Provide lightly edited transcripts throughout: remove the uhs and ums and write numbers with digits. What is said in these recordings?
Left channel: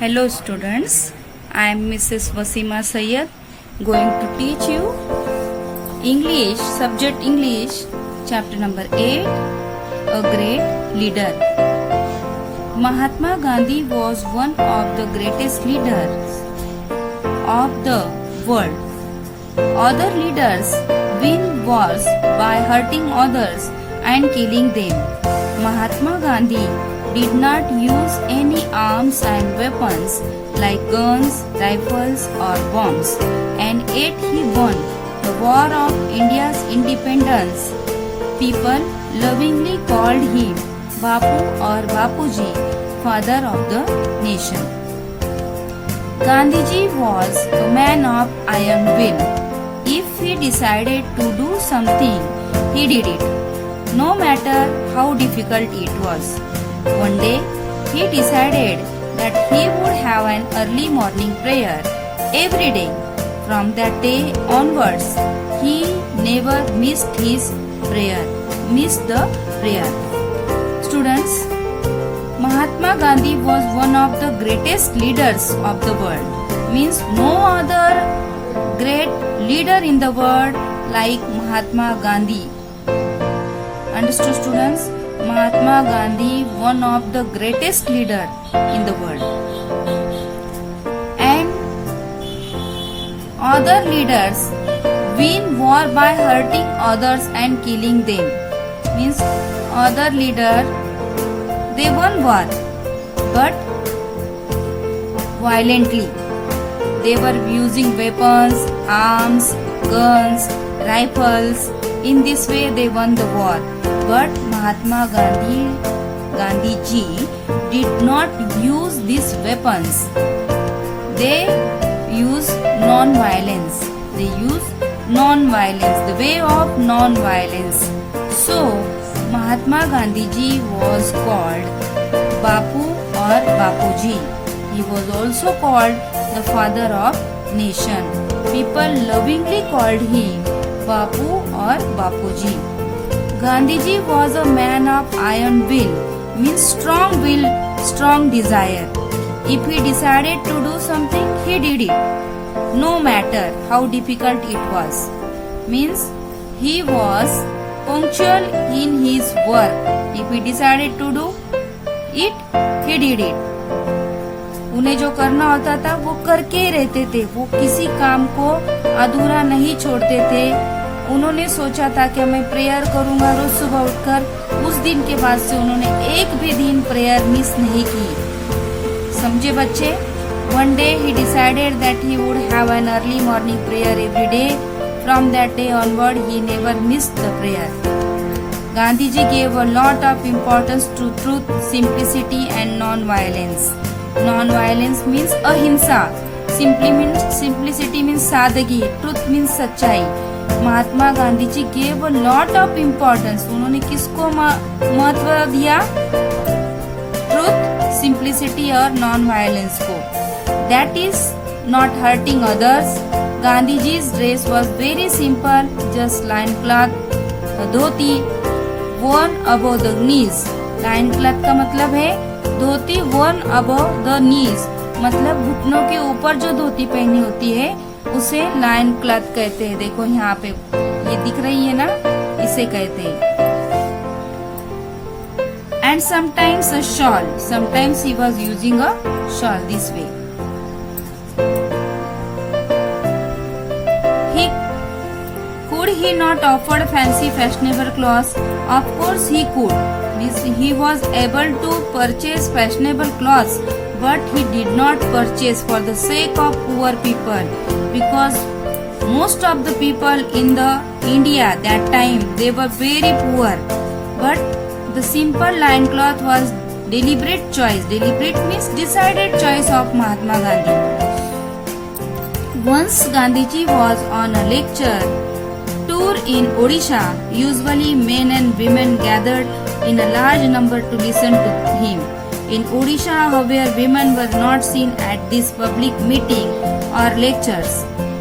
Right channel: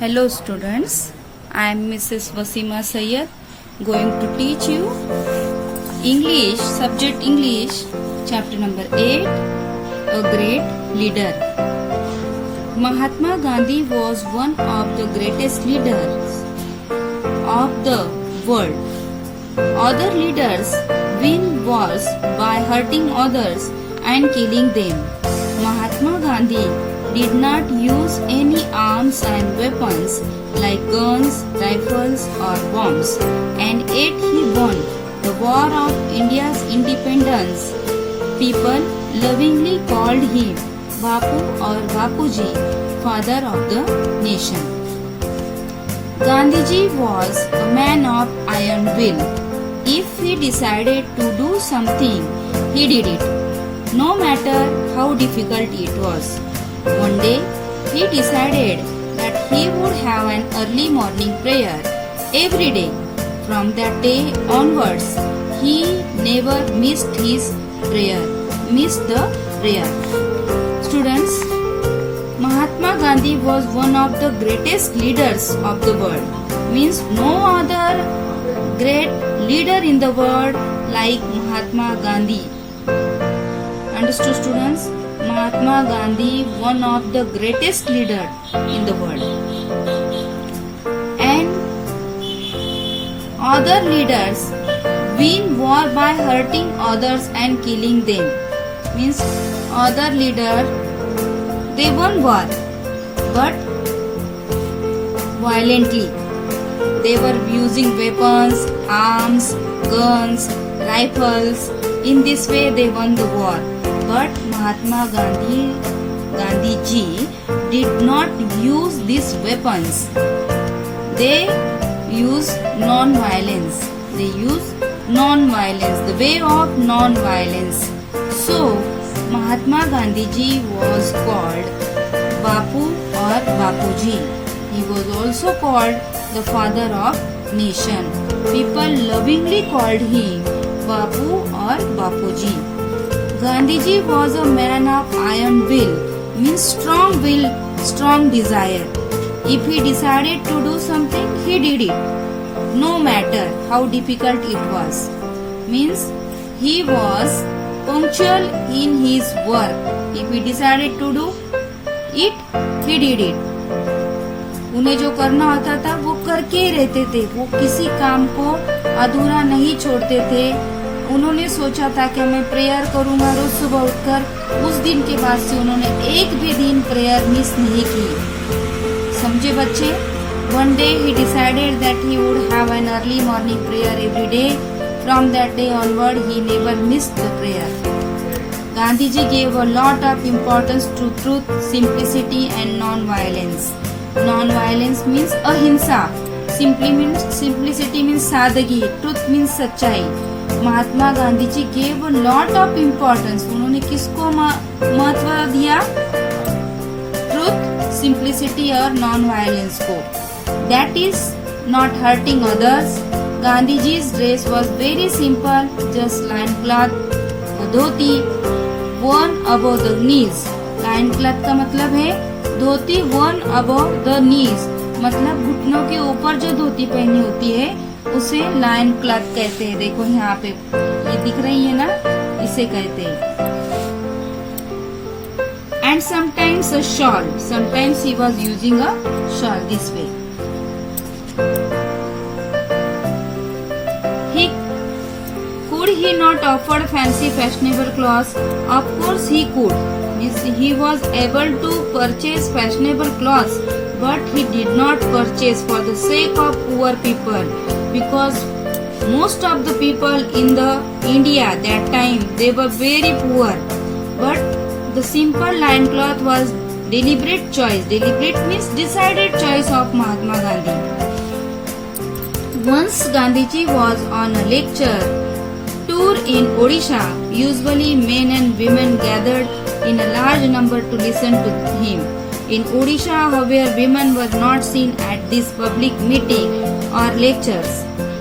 Hello students, I am Mrs. Wasima Sayyed going to teach you English, subject English, chapter number 8, A Great Leader. Mahatma Gandhi was one of the greatest leaders of the world. Other leaders win wars by hurting others and killing them. Mahatma Gandhi did not use any arms and weapons like guns, rifles or bombs, and yet he won the war of India's independence. People lovingly called him Bapu or Bapuji, father of the nation. Gandhiji was a man of iron will. If he decided to do something, he did it, no matter how difficult it was. One day, he decided that he would have an early morning prayer every day. From that day onwards, he never missed the prayer. Students, Mahatma Gandhi was one of the greatest leaders of the world. Means no other great leader in the world like Mahatma Gandhi. Understood, students? Mahatma Gandhi, one of the greatest leader in the world. And other leaders win war by hurting others and killing them. Means other leader, they won war, but violently. They were using weapons, arms, guns, rifles. In this way they won the war. But Mahatma Gandhiji did not use these weapons. They use non-violence. They use non-violence, the way of non-violence. So, Mahatma Gandhiji was called Bapu or Bapuji. He was also called the father of nation. People lovingly called him Bapu or Bapuji. Gandhiji was a man of iron will, means strong will, strong desire. If he decided to do something, he did it, no matter how difficult it was. Means he was punctual in his work. If he decided to do it, he did it. उन्हें जो करना होता था वो करके ही रहते थे. वो किसी काम को अधूरा नहीं छोड़ते थे. उन्होंने सोचा था कि मैं प्रेयर करूंगा रोज सुबह उठकर. उस दिन के बाद से उन्होंने एक भी दिन प्रेयर मिस नहीं की. समझे बच्चे? One day he decided that he would have an early morning prayer every day. From that day onward he never missed the prayer. Gandhiji gave a lot of importance to truth, simplicity and non-violence. Non-violence means ahimsa. Simplicity means sadagi. Truth means सच्चाई. Mahatma Gandhi ji gave a lot of importance. उन्होंने किसको महत्व दिया? Truth, simplicity और non-violence को. That is not hurting others. Gandhiji's dress was very simple, just loincloth, a dhoti, worn above the knees. Loincloth का मतलब है धोती worn above the knees. मतलब घुटनों के ऊपर जो धोती पहनी होती है उसे लायन क्लॉथ कहते हैं. देखो यहाँ पे ये दिख रही है ना, इसे कहते हैं. And sometimes a shawl. Sometimes he was using a shawl this way. Could he not afford fancy fashionable clothes? Of course he could. He was able to purchase fashionable clothes, but he did not purchase for the sake of poor people, because most of the people in the India that time they were very poor. But the simple loincloth was deliberate choice. Deliberate means decided choice of Mahatma Gandhi. Once Gandhiji was on a lecture tour in Odisha. Usually men and women gathered in a large number to listen to him. In Odisha, however, women were not seen at this public meeting or lectures.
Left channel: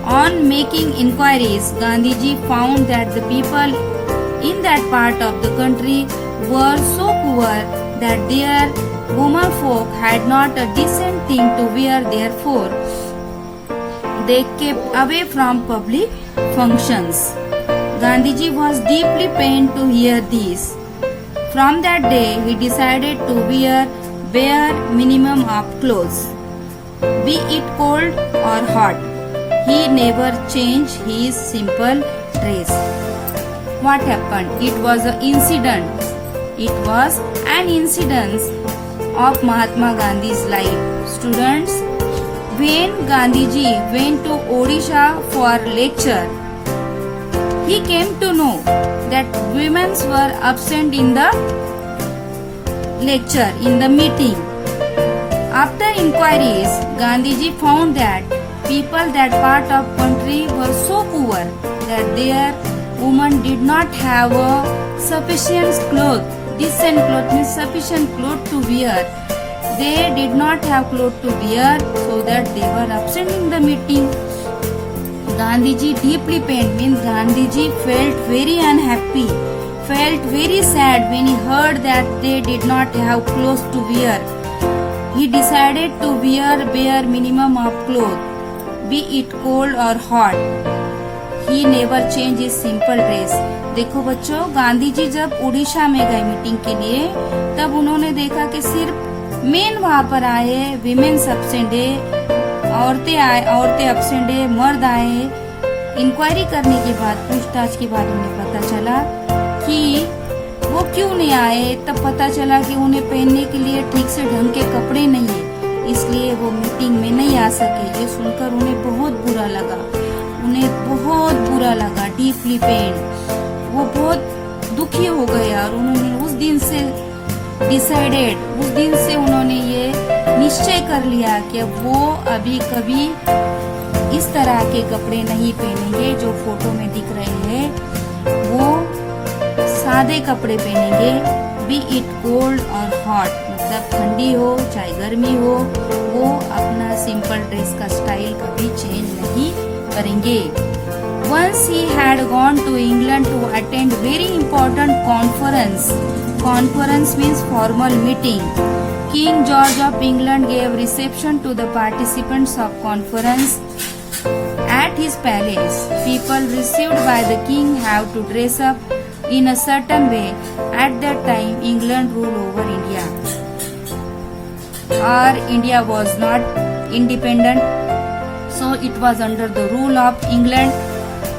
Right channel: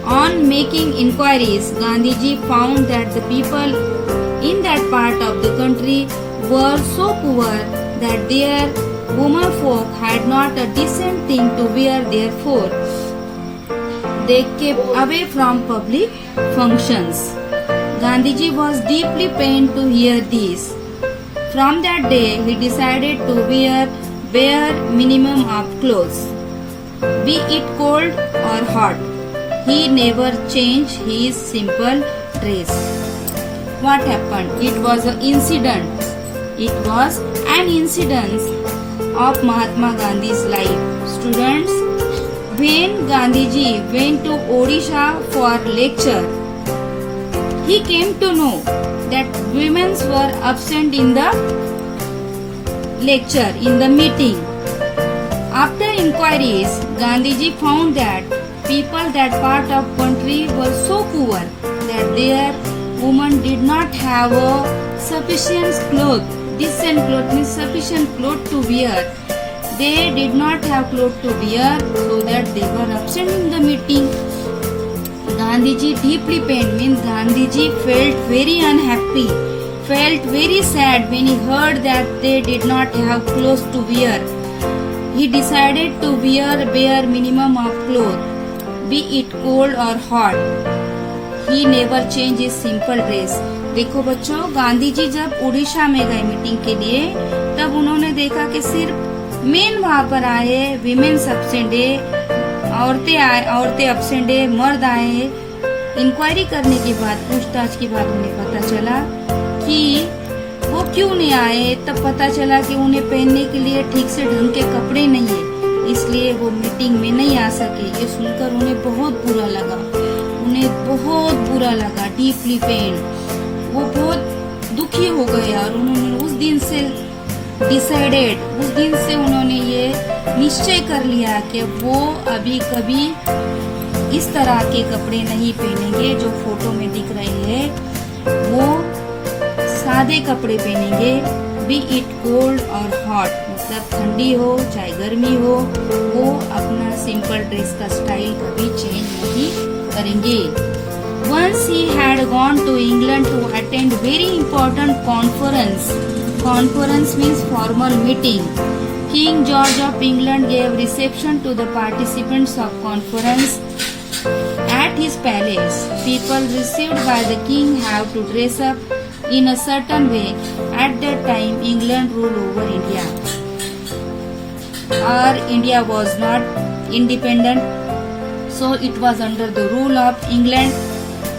On making inquiries, Gandhiji found that the people in that part of the country were so poor that their women folk had not a decent thing to wear, therefore they kept away from public functions. Gandhiji was deeply pained to hear this. From that day, he decided to wear bare minimum of clothes, be it cold or hot. He never changed his simple dress. What happened? It was an incident. It was an incident of Mahatma Gandhi's life. Students, when Gandhiji went to Odisha for lecture, he came to know that women were absent in the lecture, in the meeting. After inquiries, Gandhiji found that people that part of country were so poor that their women did not have a sufficient cloth. Decent cloth means sufficient cloth to wear. They did not have clothes to wear, so that they were absent in the meeting. Gandhiji deeply pained means Gandhiji felt very unhappy, felt very sad when he heard that they did not have clothes to wear. He decided to wear bare minimum of clothes, be it cold or hot. He never changed his simple dress. देखो बच्चों, गांधी जी जब उड़ीसा में गए meeting के लिए, तब उन्होंने देखा कि सिर्फ मेन वहाँ पर आए, विमेन्स एब्सेंट है, औरतें एब्सेंट है, मर्द आए हैं। इंक्वायरी करने के बाद, पूछताछ के बाद उन्हें पता चला कि वो क्यों नहीं आए। तब पता चला कि उन्हें पहनने के लिए ठीक से ढंग के कपड़े नहीं है, इसलिए वो मीटिंग में नहीं आ सके। ये सुनकर उन्हें बहुत बुरा लगा, डीपली पेन। वो बहुत दुखी हो गए और उन्होंने उस दिन से उन्होंने ये निश्चय कर लिया कि वो अभी कभी इस तरह के कपड़े नहीं पहनेंगे जो फोटो में दिख रहे हैं। वो सादे कपड़े पहनेंगे, बी इट कोल्ड और हॉट, मतलब ठंडी हो चाहे गर्मी हो, वो अपना सिंपल ड्रेस का स्टाइल कभी चेंज नहीं करेंगे। Once he had gone to England to attend very important conference. Conference means formal meeting. King George of England gave reception to the participants of conference at his palace. People received by the king have to dress up in a certain way. At that time, England ruled over India. India was not independent, so it was under the rule of England,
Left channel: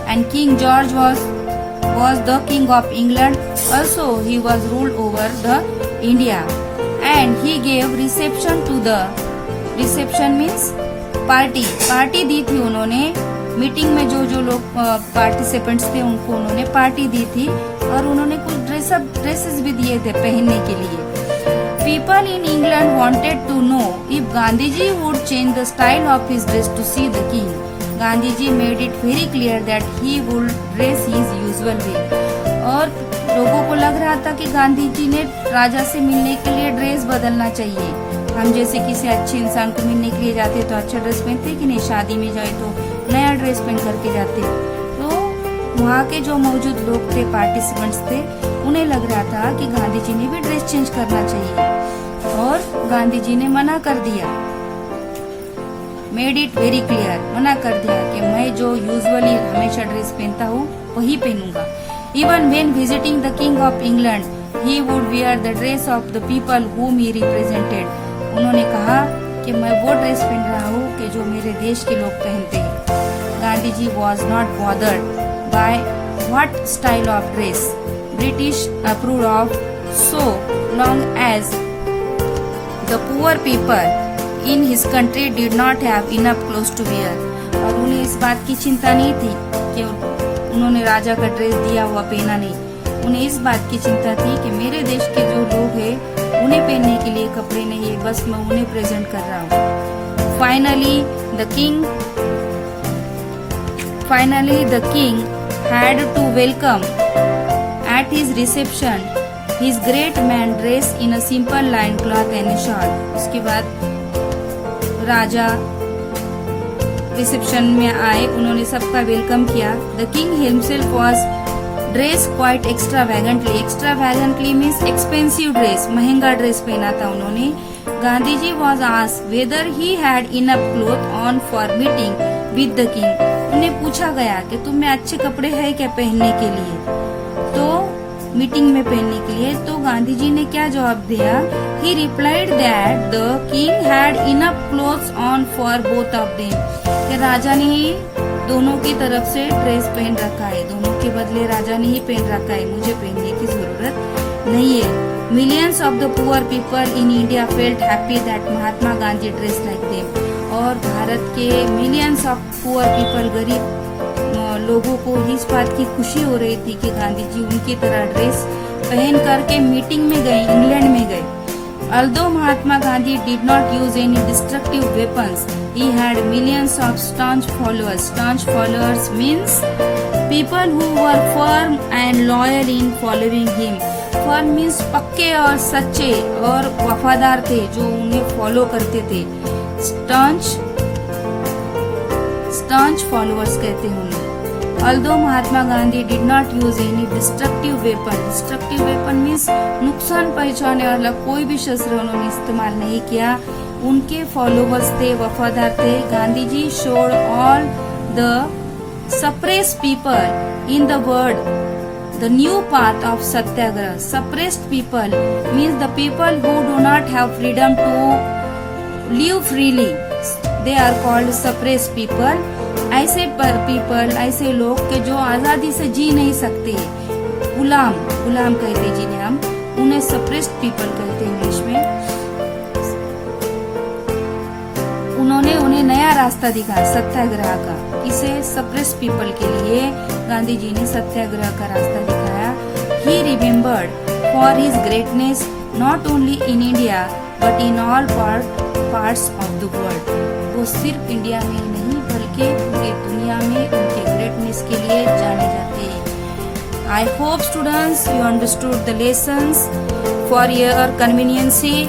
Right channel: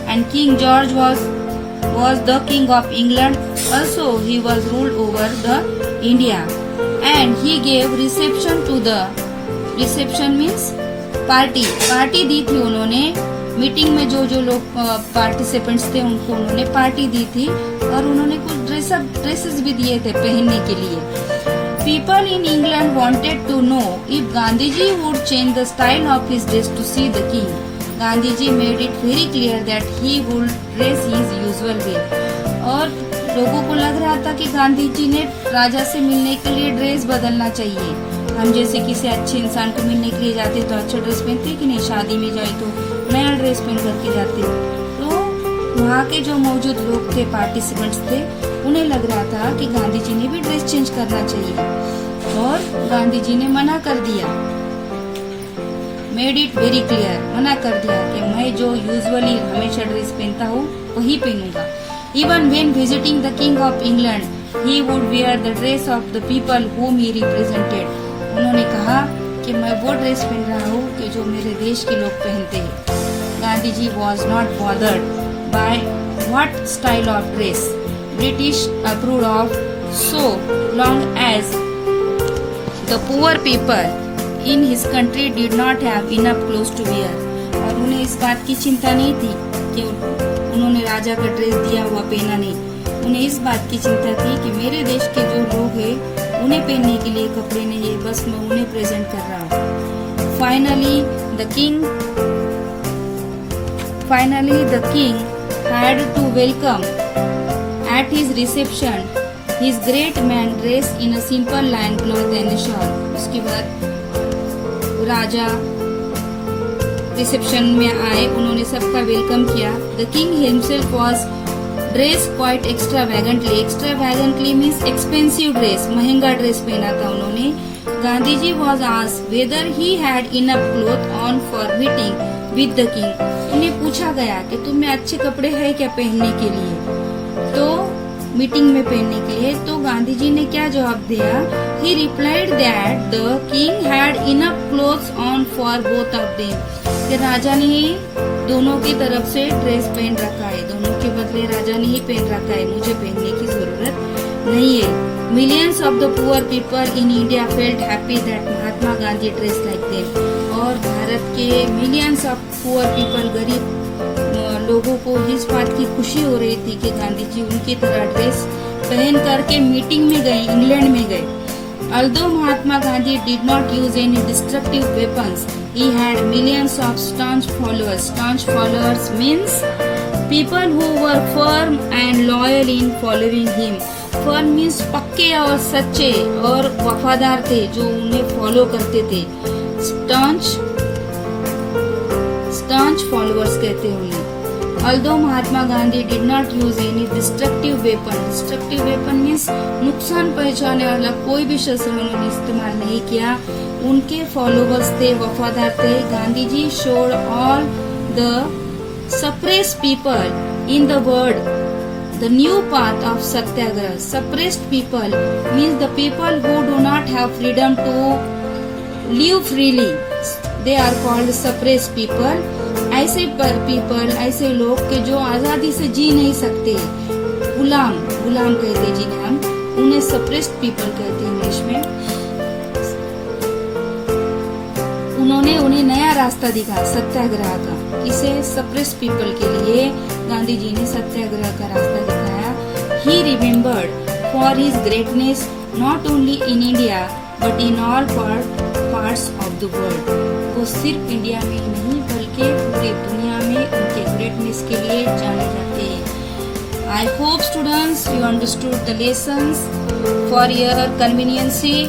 and King George was the king of England. Also, he was ruled over the India, and he gave reception to the reception means party दी थी उन्होंने। Meeting में जो लोग participants थे उनको उन्होंने party दी थी और उन्होंने कुछ ड्रेसेस भी दिए थे पहनने के लिए। People in England wanted to know if Gandhiji would change the style of his dress to see the king. Gandhiji made it very clear that he would dress his usual way. और लोगों को लग रहा था कि गांधी जी ने राजा से मिलने के लिए ड्रेस बदलना चाहिए। हम जैसे किसी अच्छे इंसान को मिलने के लिए जाते तो अच्छा ड्रेस पहनते कि नहीं, शादी में जाए तो नया ड्रेस पहन करके जाते। तो वहाँ के जो मौजूद लोग थे, पार्टिसिपेंट्स थे, उन्हें लग रहा था कि गांधी जी ने भी ड्रेस चेंज करना चाहिए और गांधी जी ने मना कर दिया। मेड इट वेरी क्लियर, मना कर दिया कि मैं जो यूजुअली हमेशा ड्रेस पहनता हूँ वही पहनूंगा। Even when visiting the King of England, he would wear the dress of the people whom he represented. उन्होंने कहा कि मैं वो ड्रेस पहन रहा हूँ कि जो मेरे देश के लोग पहनते हैं। Gandhi ji was not bothered by what style of dress British approved of, so long as the poor people in his country did not have enough clothes to wear. और उन्हें इस बात की चिंता नहीं थी कि उन्होंने राजा का ड्रेस दिया हुआ पहना नहीं। उन्हें इस बात की चिंता थी कि मेरे देश के जो लोग हैं उन्हें पहनने के लिए कपड़े नहीं है, बस मैं उन्हें प्रेजेंट कर रहा हूँ। Finally, the king had to welcome at his reception his great man dressed in a simple lion cloth and a shawl. उसके बाद राजा रिसेप्शन में आए, उन्होंने सबका वेलकम किया। The king himself was dress quite extravagantly means expensive dress, महंगा dress पहना था उन्होंने। Gandhi ji was asked whether he had enough cloth on for meeting with the king. उन्हें पूछा गया कि तुम्हें अच्छे कपड़े है क्या पहनने के लिए, तो मीटिंग में पहनने के लिए। तो गांधी जी ने क्या जवाब दिया? ही replied that the king had enough clothes on for both of them, कि राजा ने ही दोनों की तरफ से ड्रेस पहन रखा है, दोनों के बदले राजा ने ही पहन रखा है, मुझे पहनने की जरूरत नहीं है। Millions of the poor people in India felt happy that Mahatma Gandhi dress like them. और भारत के मिलियंस ऑफ पुअर पीपल, गरीब लोगों को इस बात की खुशी हो रही थी कि गांधी जी उनकी तरह ड्रेस पहन करके मीटिंग में गए, इंग्लैंड में गए। Although Mahatma Gandhi did not use any destructive weapons, he had millions of staunch followers. Staunch followers means people who were firm and loyal in following him. Firm means पक्के और सच्चे और वफादार थे, जो उन्हें फॉलो करते थे। staunch followers कहते हैं उन्हें। Although Mahatma Gandhi did not use any destructive weapon. Destructive weapon means नुकसान पहुंचाने वाला कोई भी शस्त्र उन्होंने इस्तेमाल नहीं किया। उनके फॉलोवर्स थे, वफादार थे। Gandhi ji showed all the suppressed people in the world the new path of satyagraha. Suppressed people means the people who do not have freedom to live freely. They are called suppressed people. ऐसे people, ऐसे लोग के जो आजादी से जी नहीं सकते, गुलाम कहते जिन्हें हम, उन्हें सप्रेस्ड पीपल कहते हैं इंग्लिश में। उन्होंने उन्हें नया रास्ता दिखाया सत्याग्रह का। किसे? सप्रेस्ड पीपल के लिए गांधी जी ने सत्याग्रह का रास्ता दिखाया। He remembered for his greatness not only in India but in all parts of the world. वो सिर्फ इंडिया में ही नहीं बल्कि पूरी दुनिया में उनके ग्रेटनेस के लिए जाने जाते हैं। I hope students you understood the lessons. For your conveniences,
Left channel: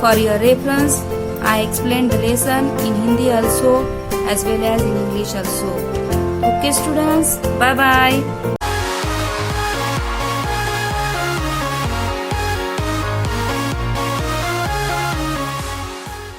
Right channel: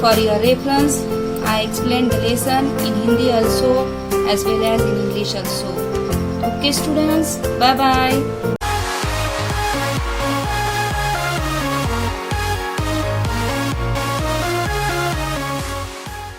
for your reference, I explain the lesson in Hindi also as well as in English also. Okay students, bye bye.